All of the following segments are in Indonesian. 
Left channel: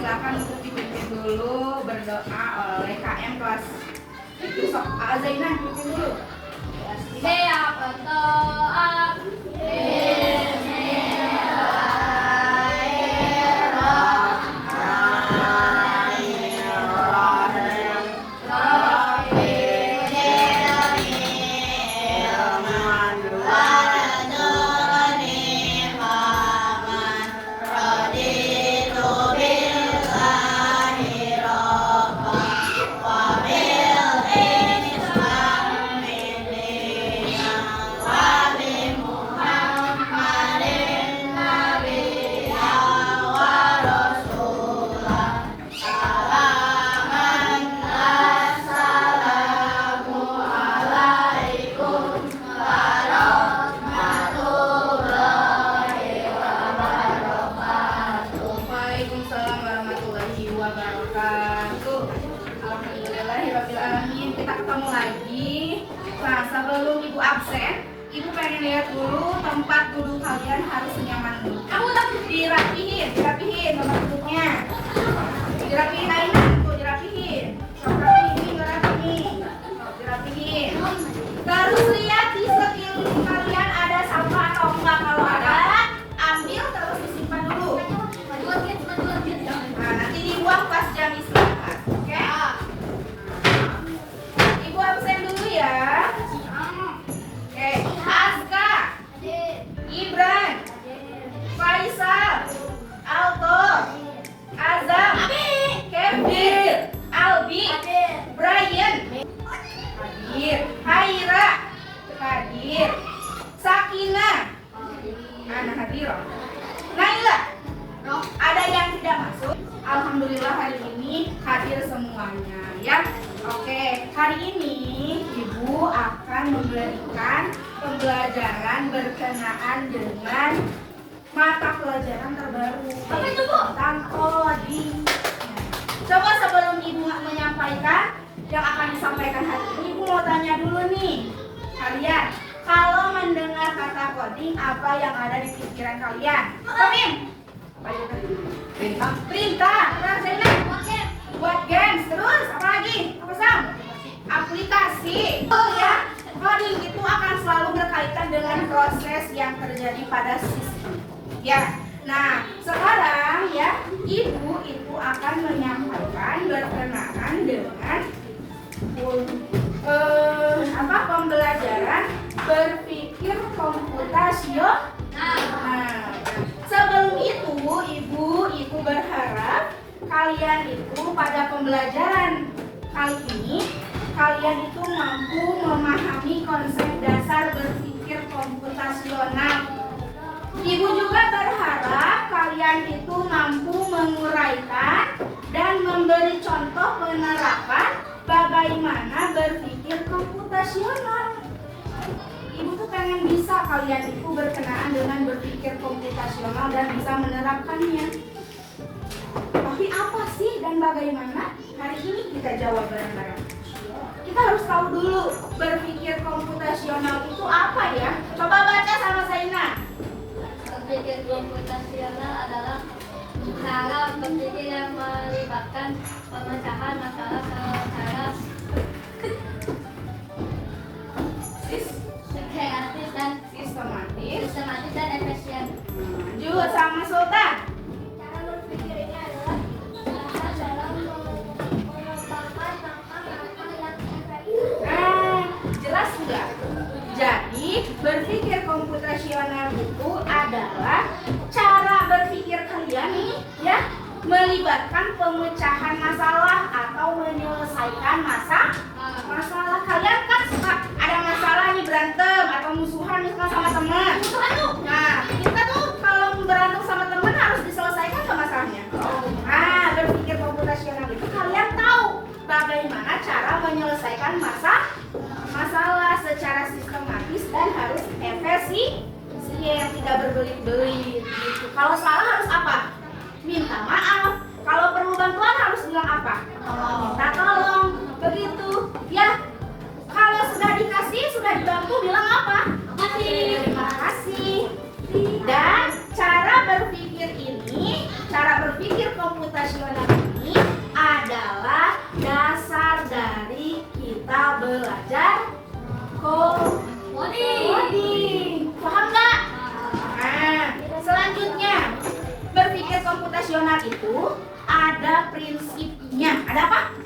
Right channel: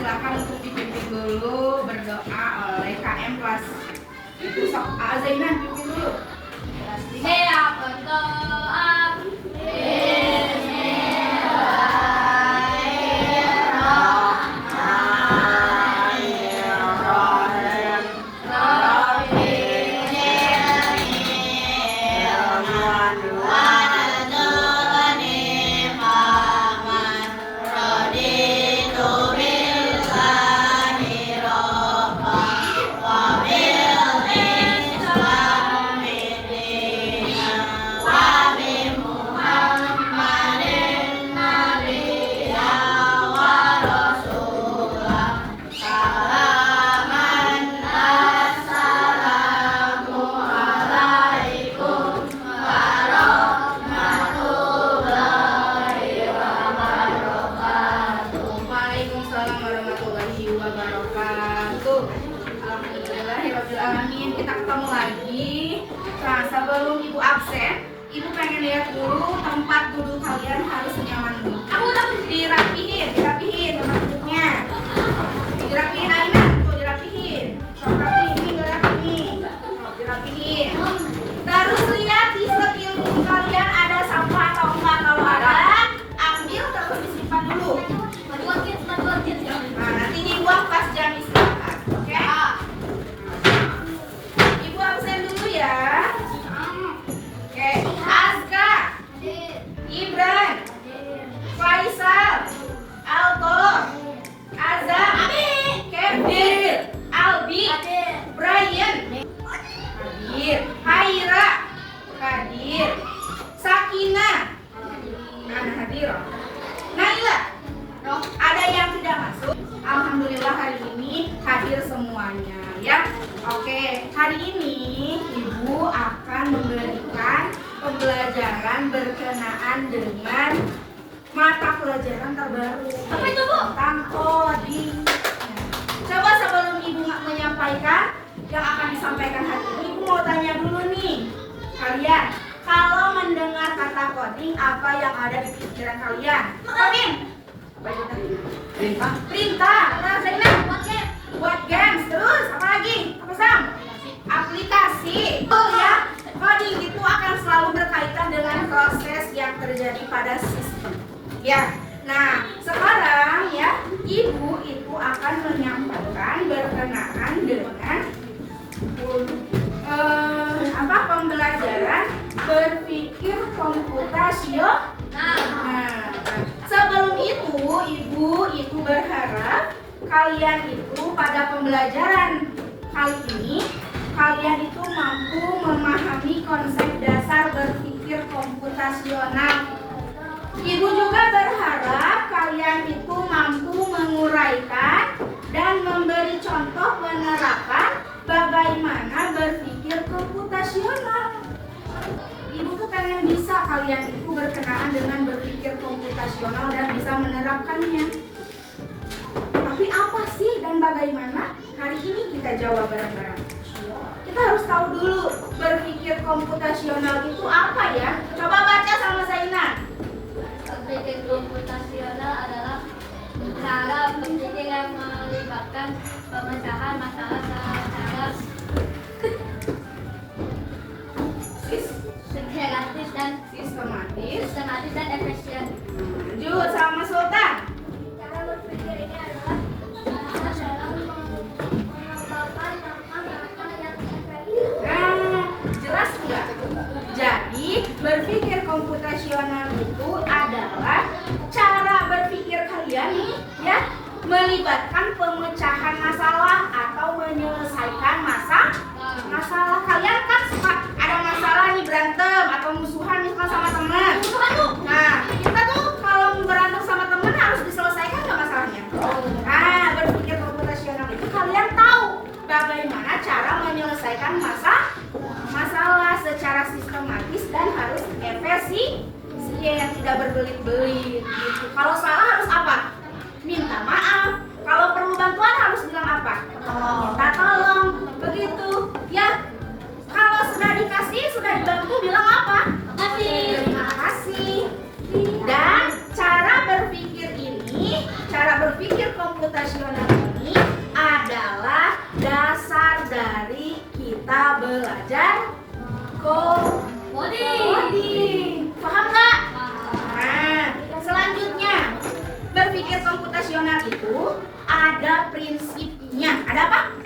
silakan untuk dipimpin dulu berdoa oleh KM kelas itu. Sok Zainah pimpin dulu. Siap berdoa. Waalaikumsalam warahmatullahi wabarakatuh. Alhamdulillahirrahmanirrahim. Kita ketemu lagi. Nah, sebelum ibu absen, ibu pengen lihat dulu tempat duduk kalian harus nyaman dulu. Kamu udah dirapihin tempat duduknya. Dirapihin Aina, tuh dirapihin. Dirapihin. Terus lihat di sekeliling kalian ada sampah atau enggak. Kalau ada, ambil terus disimpan dulu. Nah, nanti dibuang pas jam istirahat. Oke? Ibu absen dulu ya. Oke, Azka, Ibran, Faisal, Alto, Azam, Kevin, Albi, Brian, Haira, hadir, Sakina, Ana hadir, Naila. Ada yang tidak masuk? Alhamdulillah hari ini hadir semuanya ya. Oke, hari ini ibu akan memberikan pembelajaran berkenaan dengan mata pelajaran terbaru. Apa itu, Bu? Tentang coding. Coba sebelum ibu menyampaikan yang akan disampaikan hari ini, ibu mau tanya dulu nih kalian. Kalau mendengar kata coding, apa yang ada di pikiran kalian? Komen. Perintah. Nah, buat games. Terus apa lagi? Apa Sam? Aplikasi. Oh ya, coding itu akan selalu berkaitan dengan proses yang terjadi pada sistem. Ya. Nah, sekarang ya, ibu itu akan menyampaikan berkenaan dengan pembelajaran berpikir komputasional. Nah, sebelum itu ibu itu berharap kalian itu pada pembelajaran kali ini kalian itu mampu memahami konsep dasar berpikir komputasional. Ibu juga berharap kalian itu mampu menguraikan dan memberi contoh penerapan bagaimana berpikir komputasional. Ibu tuh pengen bisa kalian itu berkenaan dengan berpikir komputasional dan bisa menerapkannya. Tapi apa sih dan bagaimana? Hari ini kita jawab bareng-bareng. Kita harus tahu dulu berpikir komputasional itu apa ya? Coba baca sama Zainah. Berpikir komputasional adalah cara berpikir yang melibatkan pemecahan masalah secara kreatif dan sistematis dan efisien. Lanjut sama Sultan. Cara berpikir ini adalah dalam mengembangkan langkah-langkah yang efektif. Jelas enggak? Jadi berpikir komputasional itu adalah cara berpikir kalian nih ya, melibatkan pemecahan masalah atau menyelesaikan masalah. Kalian kan suka ada masalah nih, berantem atau musuhan misalnya sama teman. Nah, kita tuh kalau berantem sama teman harus diselesaikan nggak masalahnya? Nah, berpikir komputasional itu kalian tahu bagaimana cara menyelesaikan masalah secara sistematis dan harus efisien yang tidak berbelit-belit gitu. Kalau salah harus apa? Minta maaf. Kalau perlu bantuan harus bilang apa? Minta tolong. Begitu ya. Kalau sudah dikasih, sudah dibantu, bilang apa? Terima kasih. Dan cara berpikir ini cara berpikir komputasional ini adalah dasar dari kita belajar coding. Paham nggak? Nah, selanjutnya berpikir komputasional itu ada prinsipnya. Ada apa?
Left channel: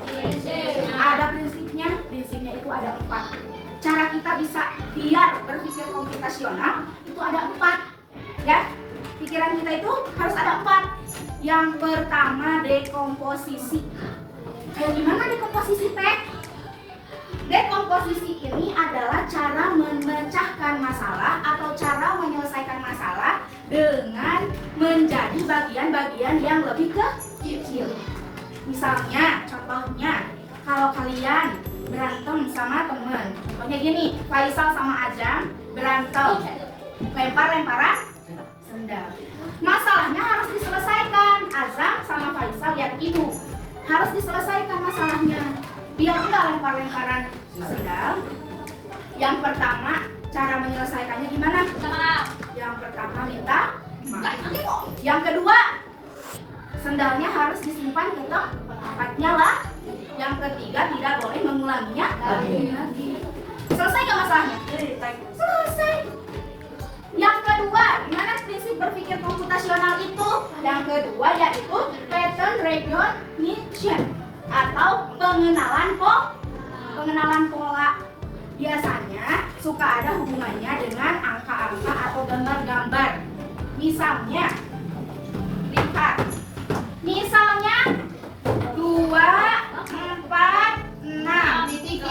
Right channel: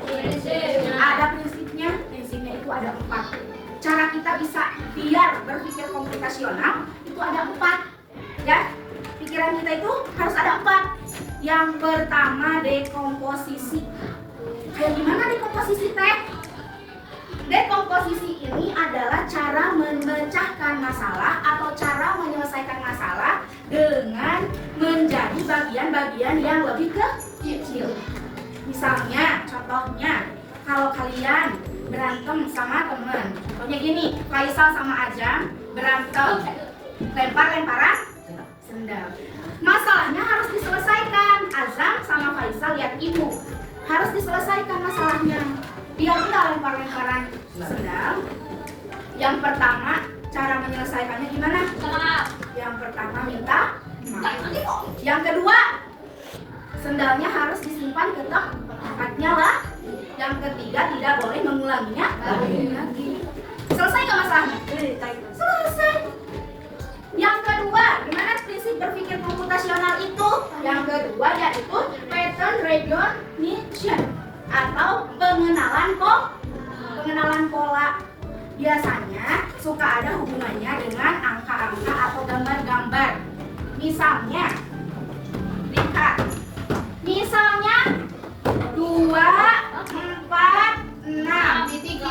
Ada prinsipnya. Prinsipnya itu ada 4. Cara kita bisa biar berpikir komputasional itu ada 4. Ya, pikiran kita itu harus ada 4. Yang pertama dekomposisi. Kayak gimana dekomposisi teh? Dekomposisi ini adalah cara memecahkan masalah atau cara menyelesaikan masalah dengan menjadi bagian-bagian yang lebih kecil. Misalnya, contohnya, kalau kalian berantem sama temen, contohnya gini, Faisal sama Ajam berantem, lempar-lemparan sendal. Masalahnya harus diselesaikan. Azam sama Faisal lihat ibu, harus diselesaikan masalahnya. Biar enggak lempar-lemparan sendal. Yang pertama, cara menyelesaikannya gimana? Yang pertama minta maaf. Yang kedua, sendalnya harus disimpan ke tempatnya lah. Yang ketiga, tidak boleh mengulanginya lagi. Selesai nggak masalahnya? Selesai. Yang kedua, gimana prinsip berpikir komputasional itu? Yang kedua yaitu pattern recognition atau pengenalan pola. Biasanya suka ada hubungannya dengan angka-angka atau gambar-gambar. Misalnya, lihat. Misalnya 2, 4, 6 titik.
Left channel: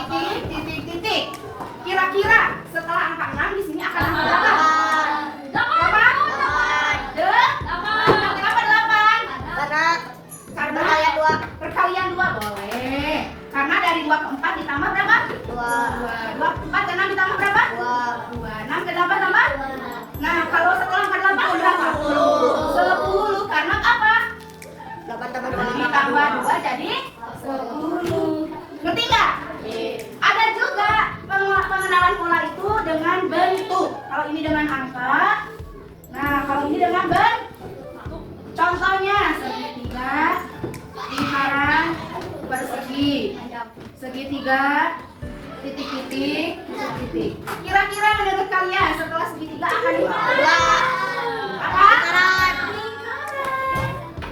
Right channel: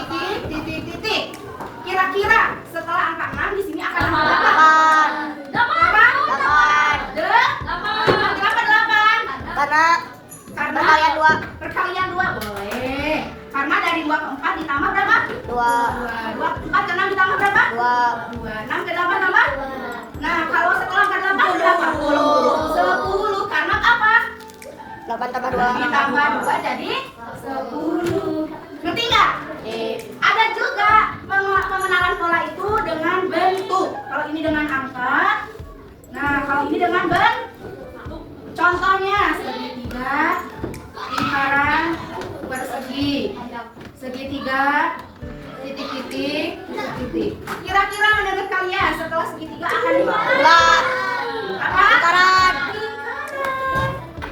Kira-kira setelah angka 6 di sini akan ada berapa? Karena perkalian 2 boleh. Karena dari 2 ke 4 ditambah berapa? 2 ke 4 ke 6 ditambah berapa? 2. 6 ke 8 tambah? Nah, kalau setelah angka 8 berapa? 10. Karena apa? 8 tambah 2 Ditambah 2 jadi 10. Ngerti nggak? Ada juga pengenalan pola itu dengan bentuk. Kalau ini dengan angka, nah kalau ini dengan bentuk. Contohnya segitiga, lingkaran persegi, segitiga, titik-titik. Kira-kira menurut kalian setelah segitiga akan gimana? Apa? Lingkaran.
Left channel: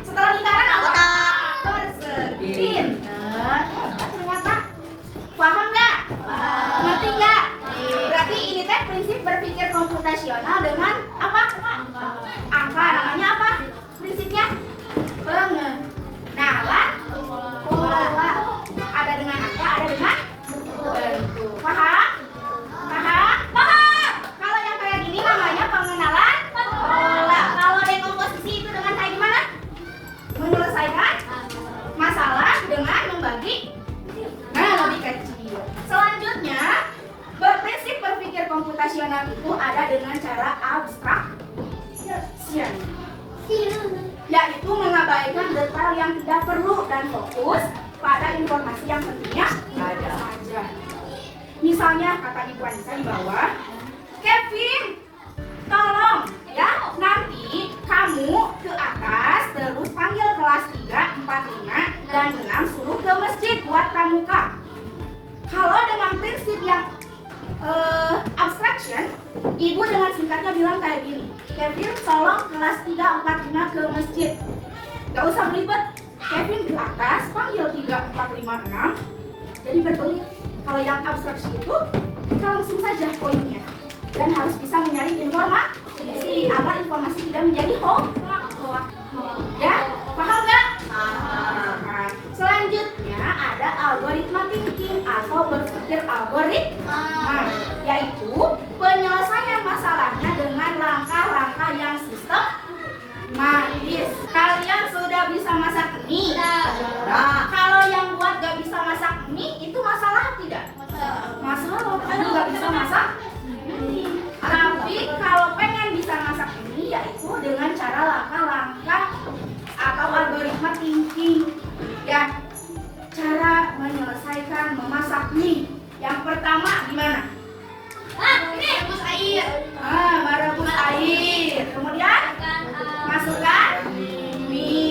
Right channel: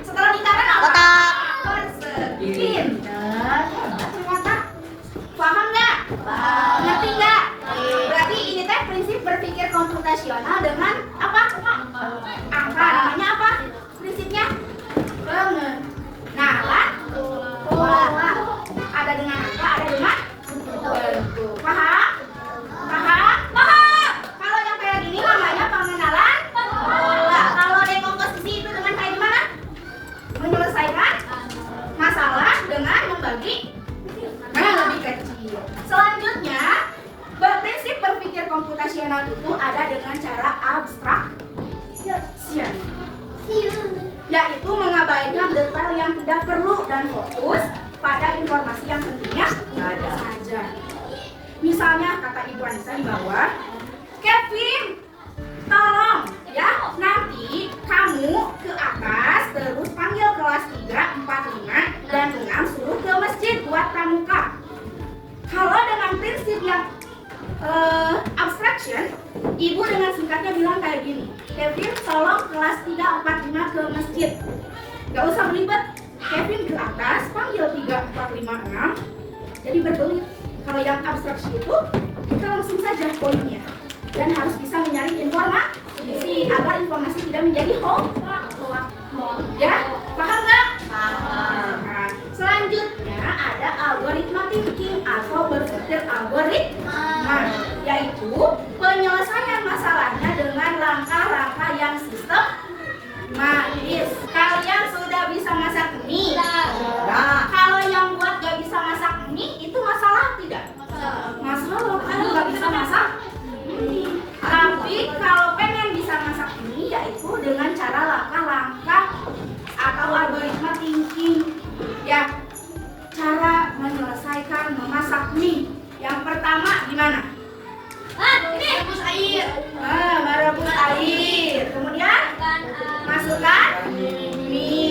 Setelah lingkaran apa? Persegi. Ternyata paham nggak? Ngerti nggak? Berarti ini teh prinsip berpikir komputasional dengan apa? Angka. Namanya apa? Prinsipnya pengenalan pola. Ada dengan angka, ada dengan bentuk. Paham? Kalau yang kayak gini namanya pengenalan pola. Kalau dekomposisi itu dengan kayak gimana? Menyelesaikan masalah dengan membagi lebih kecil. Selanjutnya, prinsip berpikir komputasional itu ada dengan cara abstraction, yaitu mengabaikan detail yang tidak perlu dan fokus pada informasi yang pentingnya saja. Misalnya kata Ibu Anissa di bawah, Kevin, tolong ya nanti kamu ke atas terus panggil kelas 3, 4, 5 dan 6 suruh ke masjid buat pramuka. Kalau dengan prinsip yang abstraction, Ibu dengan singkatnya bilang kayak gini, Kevin tolong kelas 3, 4, 5 ke masjid. Gak usah belibet, Kevin ke atas panggil 3, 4, 5, 6. Jadi berbelit. Kalau yang abstraction itu kita langsung saja poinnya dan harus bisa menyaring informasi agar informasi tidak menjadi hoax. Ya, paham nggak? Nah, selanjutnya ada algoritma thinking atau berpikir algoritma, yaitu penyelesaian masalahnya dengan langkah-langkah yang sistematis. Kalian sudah bisa masak mie? Nah, kalau yang buat gak bisa masak mie itu masalah tidak? Masalah, kan gak bisa masak mie. Tapi kalau pengen bisa masak mie, yaitu dengan cara langkah-langkah atau algoritma thinking. Ya, cara menyelesaikan memasak mie. Yang pertama gimana? Merebus air. Merebus air. Kemudian masukkan mie.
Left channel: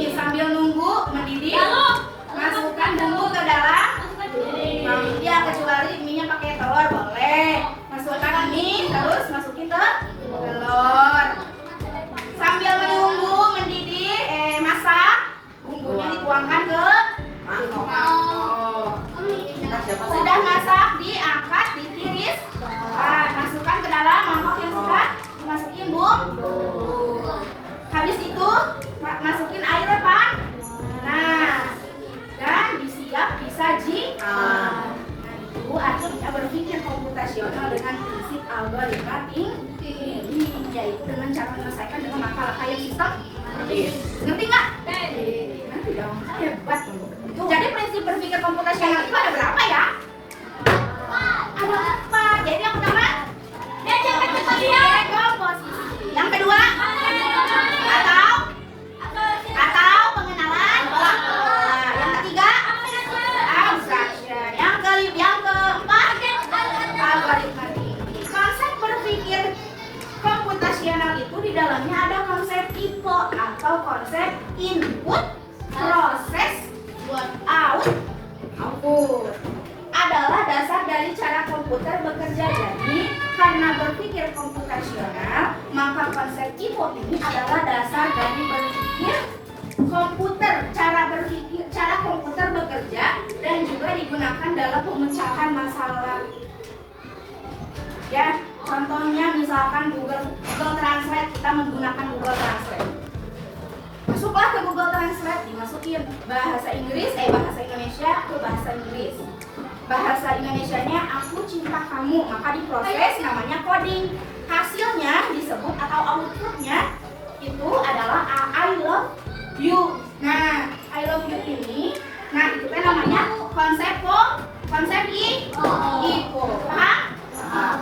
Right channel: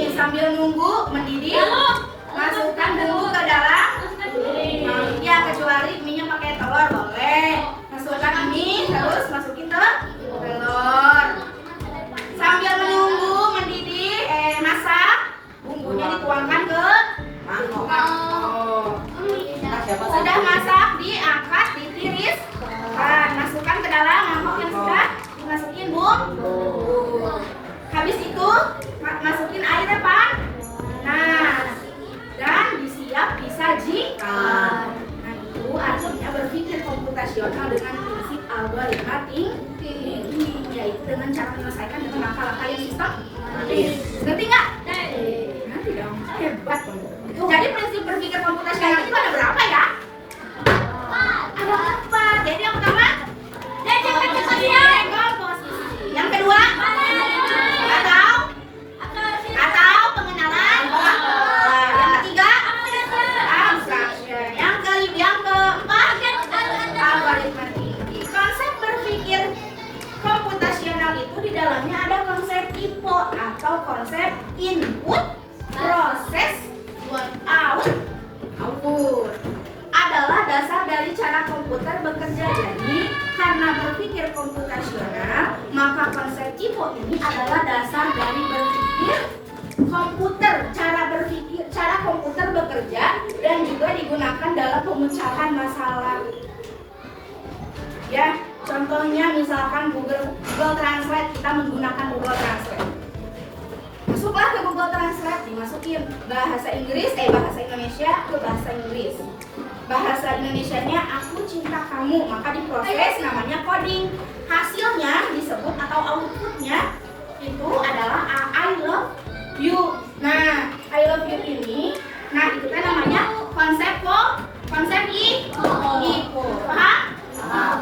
input, proses, output adalah dasar dari cara komputer bekerja. Jadi karena berpikir komputasional, maka konsep IPO ini adalah dasar dari berpikir komputer, cara komputer bekerja dan juga digunakan dalam pemecahan masalah. Ya, contohnya misalkan Google Translate, kita menggunakan Google Translate. Masuklah ke Google Translate, dimasukin bahasa Indonesia ke bahasa Inggris. Bahasa Indonesianya aku cinta kamu, maka diproses namanya coding. Hasilnya disebut atau outputnya itu adalah I love you. Nah, I love you ini, nah itu kan namanya konsep IPO. Paham?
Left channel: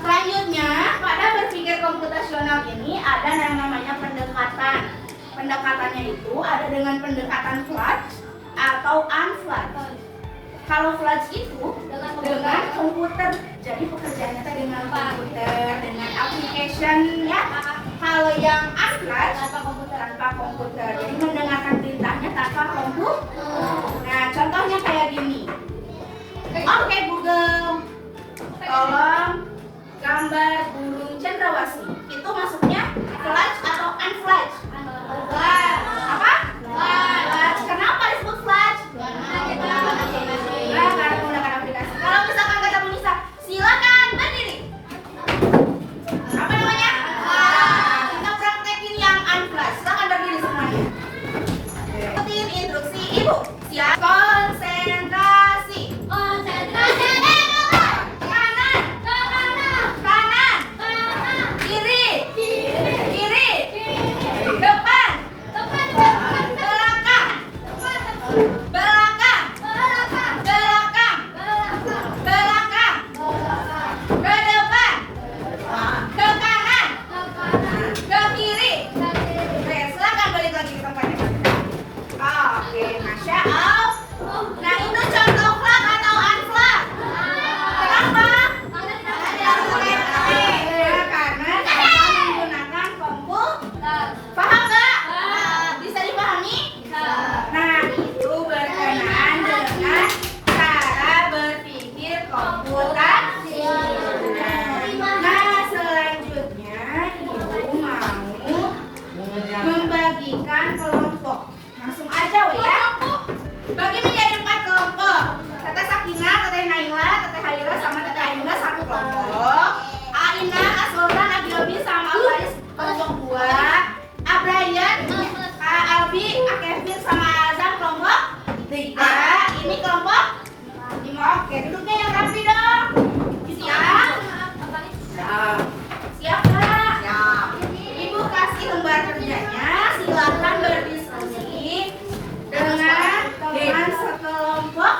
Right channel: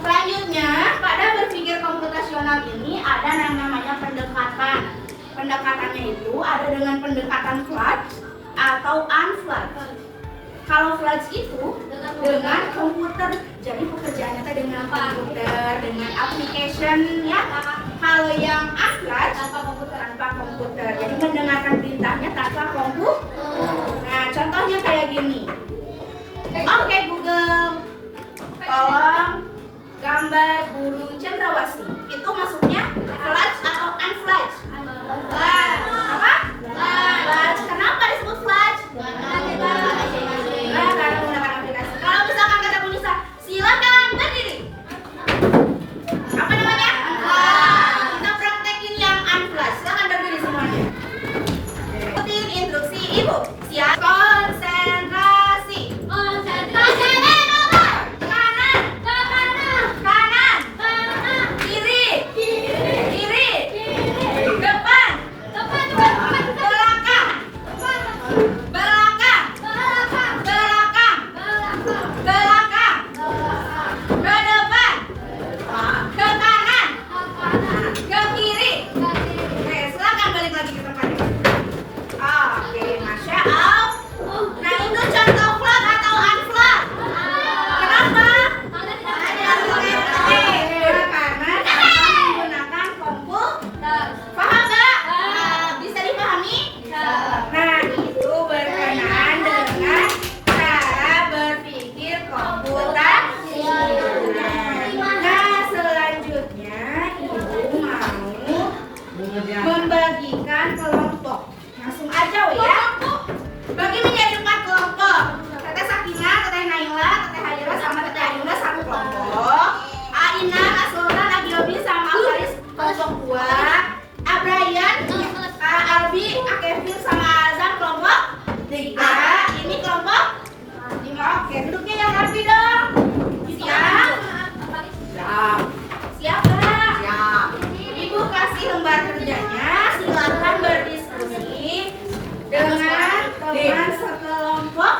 Selanjutnya, pada berpikir komputasional ini ada yang namanya pendekatan. Pendekatannya itu ada dengan pendekatan fudge atau unfudge. Kalau fudge itu dengan komputer, jadi pekerjaannya dengan komputer, dengan application ya. Kalau yang unfudge tanpa komputer, jadi mendengarkan perintahnya tanpa komputer. Nah, contohnya kayak gini. Oke Google, tolong gambar burung cendrawasih. Itu masuknya fudge atau unfudge? Fudge. Apa? Fudge. Kenapa disebut fudge? Karena menggunakan aplikasi. Kalau misalkan kata Bu Nisa, silakan berdiri. Apa namanya? Kita praktekin yang unfudge. Silakan berdiri semuanya. Ikutin instruksi Ibu. Siap. Konsentrasi. Membagikan kelompok. Langsung aja ya. Bagi menjadi 4 kelompok. Teteh Sakinah, Teteh Naila, Teteh Haira sama Teteh Ayunda satu kelompok. Aina, Aslora, Agiobi sama Faris kelompok 2. Abrayan, Kak Albi, Kak Kevin sama Azam kelompok 3. Ini kelompok 5. Oke, duduknya yang rapi dong. Siap? Siap Kak? Siap. Ibu kasih lembar kerjanya, silakan berdiskusi dengan teman sekelompok.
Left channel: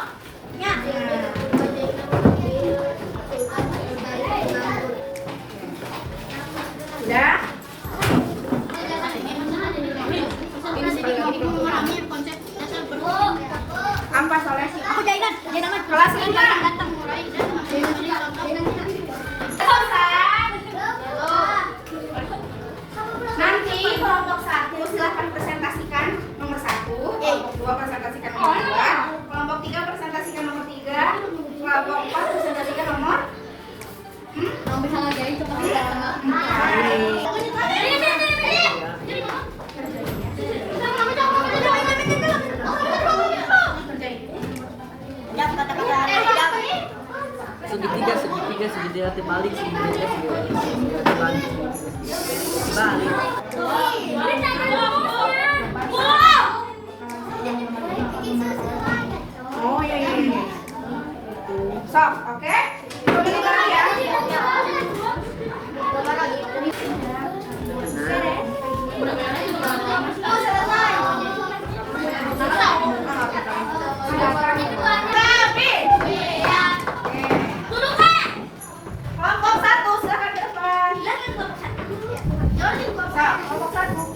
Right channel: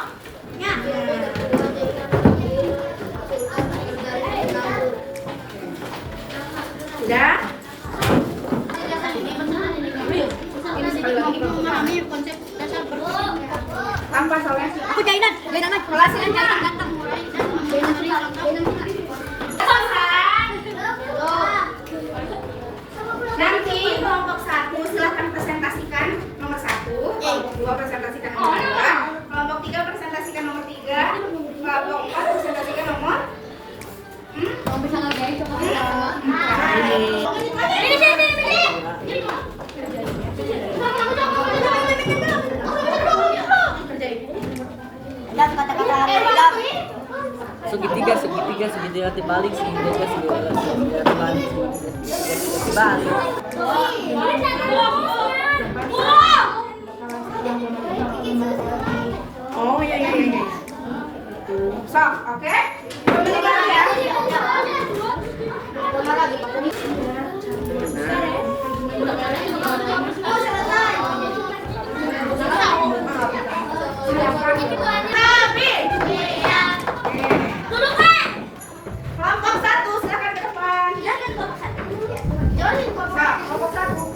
Sudah? Tanpa soleh. Aku jainan Kelas ini datang. Nanti kelompok 1 silahkan presentasikan nomor 1, kelompok 2 presentasikan nomor 2, kelompok 3 presentasikan nomor 3, kelompok 4 presentasikan nomor segitiga terbalik, segitiga terbalik. Oh iya. Sok, oke? Pemenangnya ya. Tapi kelompok 1 silakan ke depan. Kelompok 1.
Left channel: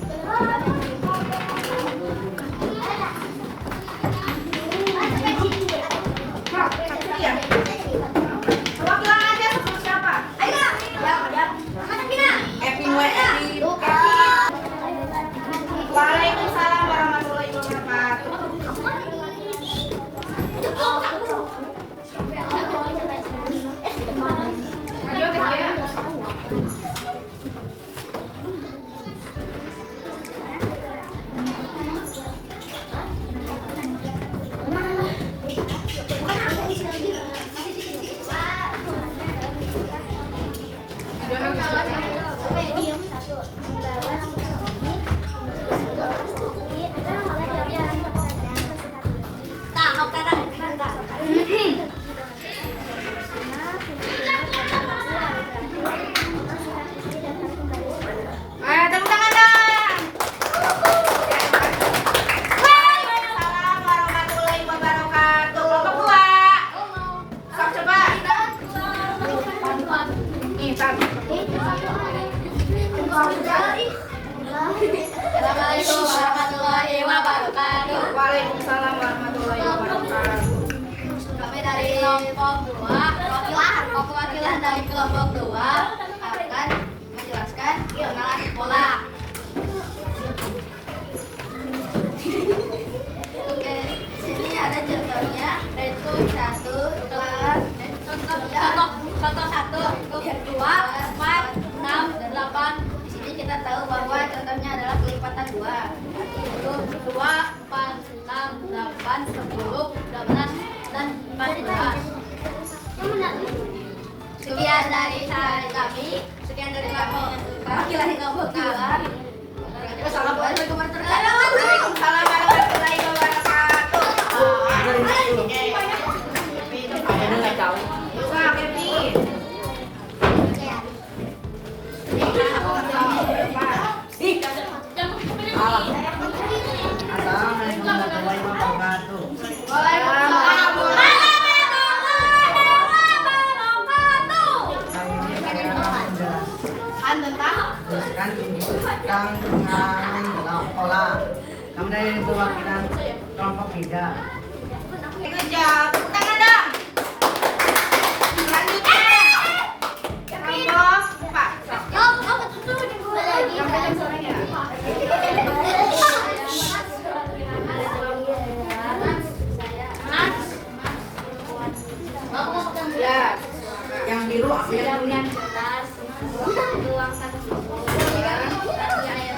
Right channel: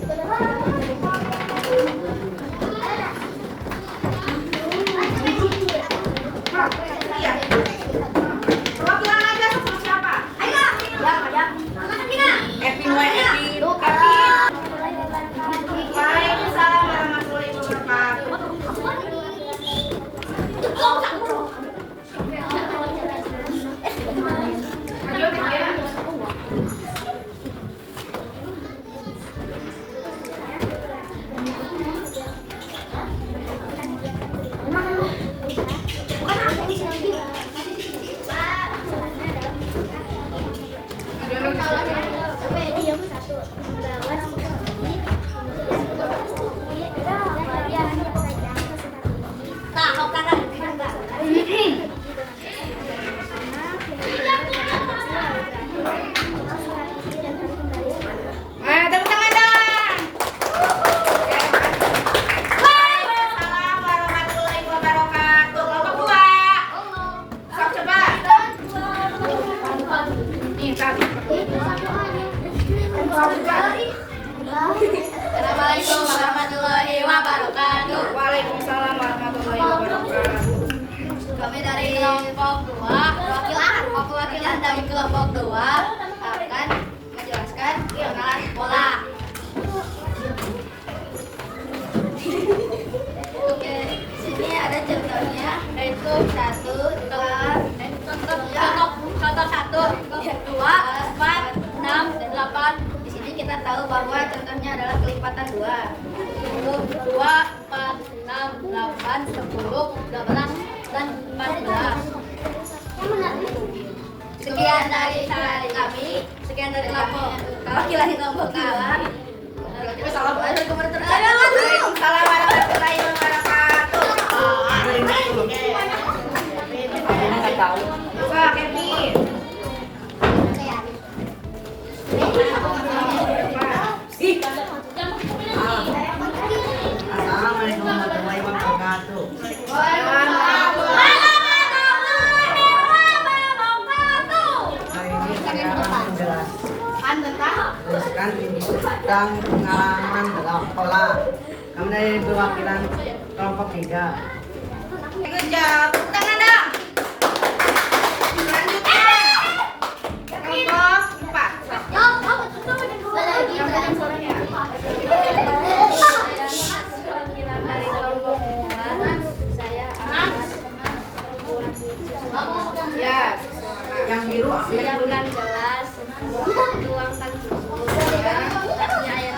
Waalaikumsalam warahmatullahi wabarakatuh. Kami dari kelompok 2, perwakilan dari kelompok 2 akan menjelaskan pengenalan sekolah. Oke, sini ada contohnya, yaitu contoh 1, 2, 4, 6, 8. Di sini kita tahu bahwa contohnya adalah kelipatan 2. 2, 4, 6, 8, 10, 12, dan 14. Sekian dari kami, sekian dari kelompok. Kalau kita kelompok kawan. Assalamualaikum warahmatullahi wabarakatuh. Waalaikumsalam warahmatullahi wabarakatuh. Ini nggak tahu. Wah, Kevin. Assalamualaikum warahmatullahi wabarakatuh. Hari ini saya akan menjelaskan tentang pengalaman dalam sekolah. Kami dari perwakilan kelompok 3. Good job. Tepuk tangan dong. Selanjutnya kelompok 4. Yang panjang suaranya. Ya. Yang biru apa yang Yang bukan jelas, tuangkan susu, kasih air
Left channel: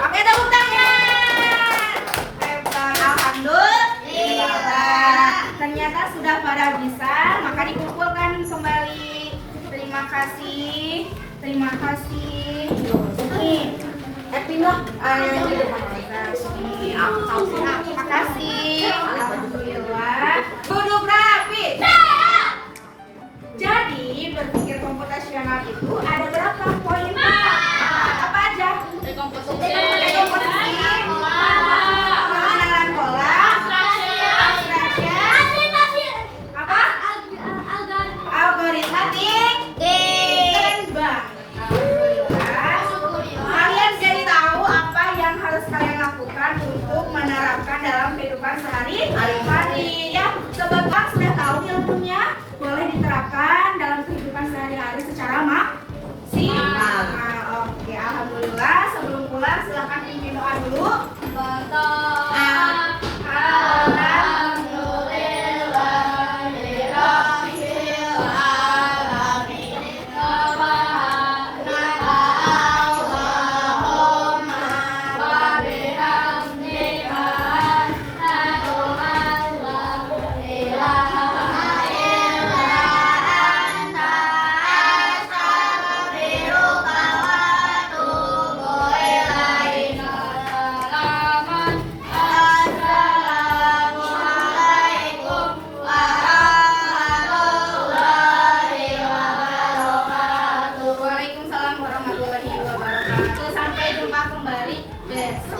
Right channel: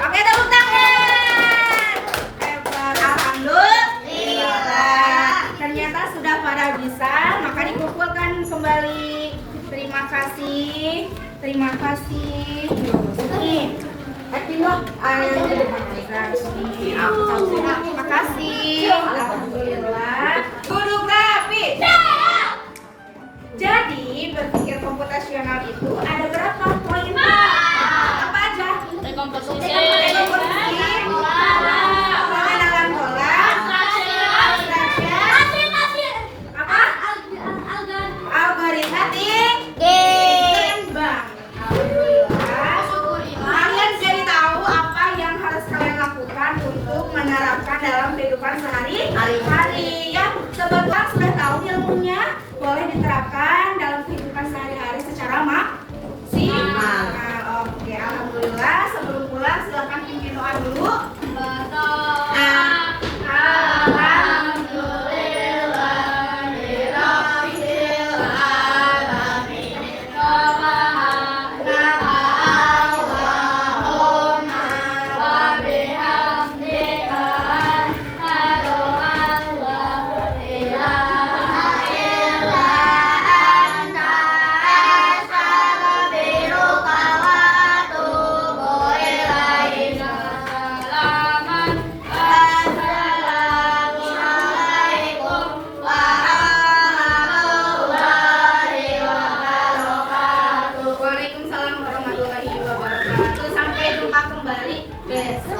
Oke, tepuk tangan. Hebat. Alhamdulillah. Ternyata sudah pada bisa, maka dikumpulkan kembali. Terima kasih. Terima kasih. Nih. pindah yang di depan. Terima kasih. Alhamdulillah. Duduk rapi. Jadi berpikir komputasional itu ada berapa poin? Apa aja? Rekomposisi, pengenalan pola, apa? Algoritma timbang. Alhamdulillah. Kalian jadi tahu apa yang harus kalian lakukan untuk menerapkan dalam kehidupan sehari-hari. Ya, sebetulnya sudah tahu ilmunya, boleh diterapkan dalam kehidupan sehari-hari secara maksimal. Oke, alhamdulillah. Sebelum pulang silakan pimpin doa dulu. Waalaikumsalam warahmatullahi wabarakatuh. Sampai jumpa kembali besok.